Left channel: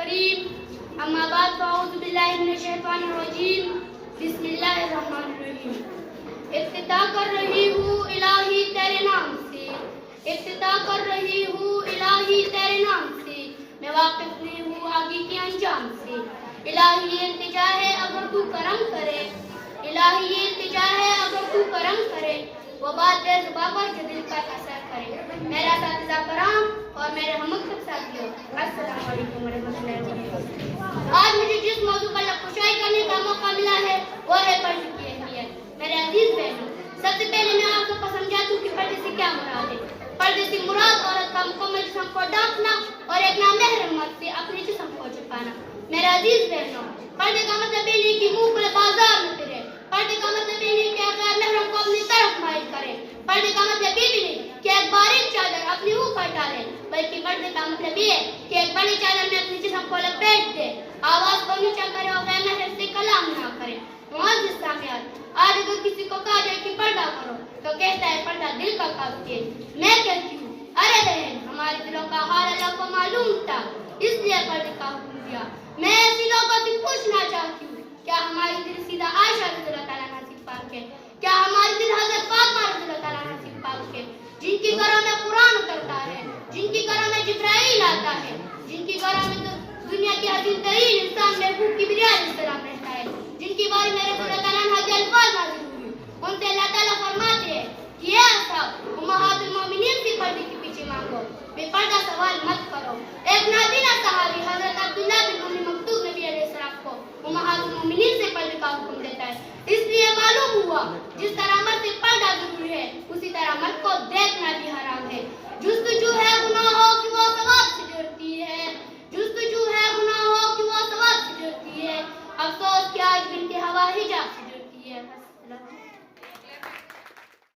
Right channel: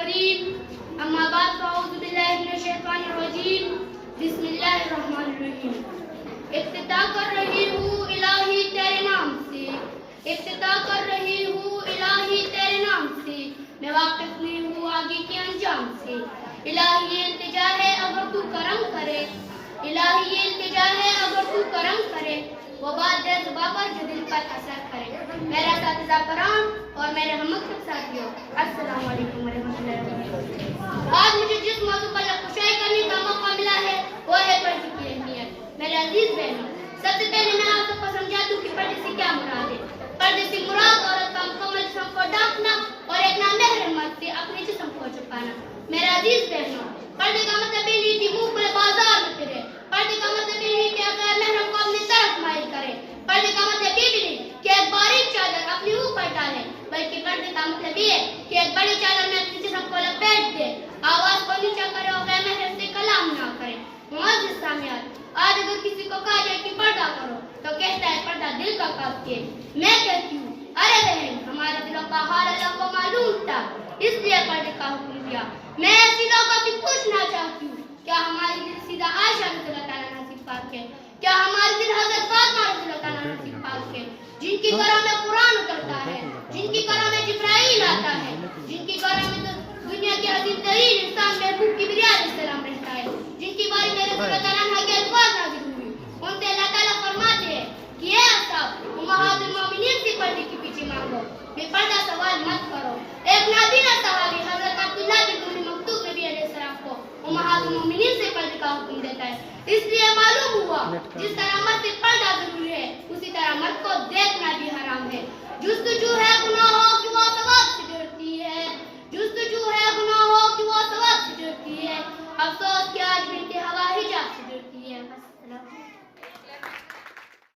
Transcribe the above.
الكريم أما بعد فأعوذ بالله من الشيطان الرجيم بسم اللہ الرحمن الرحیم. افتتاح کر رہی ہوں الہی تیرے نام سے، افتتاح کر رہی ہوں الہی تیرے نام سے، میں واقف نہیں ہوں آگے کے انجام سے. الہی یہ التجا ہے اگر تو کرم کرے، الہی یہ التجا ہے اگر تو کرم کرے، وہ بات دے زباں پر جو دل پر اثر کرے. میرا اساتذہ کرام اور میرے ہم مکتب ساتھیوں، السلام علیکم ورحمۃ اللہ وبرکاتہ. آج مجھے جس موضوع پر نقاشی کرنے کا موقع ملا ہے وہ ہے پردے کی اہمیت. میرے عزیز بہنوں، سب سے پہلے میں آپ کو سمجھا دوں کہ پردے سے کیا مراد ہے. پردے سے مراد عورت کا مکمل جسم کو ڈھانپنا اور ایک نامحرم مرد سے اپنے جسم کو چھپانا. میرے عزیز بہنوں، پردے کا مطلب یہ نہیں کہ منہ پر بازار میں پھرے، پردے کا مطلب یہ نہیں کہ غیر محرم کو اپنی طرف مائل کرے، پردے کا مطلب یہ بھی نہیں کہ ایک باریک چادر اپنے منہ پر ڈالے، بلکہ پردے کا مطلب یہ ہے کہ ایک بڑی چادر میں اپنے جسم کو لپیٹ دے، آواز کو نیچا کرے اور غیر محرم سے کلام نہ کرے. معزز سامعین، آج اگر کسی کو کہا جائے کہ پردہ کرو تو کہتا ہے پردہ دل کا کافی ہے. میں کہتی ہوں ارے بہن، ہمارے دلوں کا حال اللہ کو معلوم تھا، اس لیے پردے کا حکم دیا. میں ایسی لوگوں سے پوچھنا چاہتی ہوں، کیا ہماری دل سیدھا عائشہ رضی اللہ تعالیٰ عنہا سے پاک ہے؟ کیا ہمارے دل حضرت فاطمہ رضی اللہ تعالیٰ عنہا سے پاک ہے، جن کی گھروں میں قرآن اترتا ہے، جن کی گھروں میں جبرائیل آتا ہے، جن کی گھروں میں دنیا کے عظیم ترین انسان محبوب کبریا علیہ السلام رہتا ہے، جن کی باری میں رسول اللہ تعالیٰ عنہ کے الفاظ نازل ہوئے. ان سے اللہ تعالیٰ فرماتے ہیں کہ اے اصحاب، امہات المومنین سے پردے کے پیچھے مانگو، بے پردہ سوال مت کرو. ایک نابینا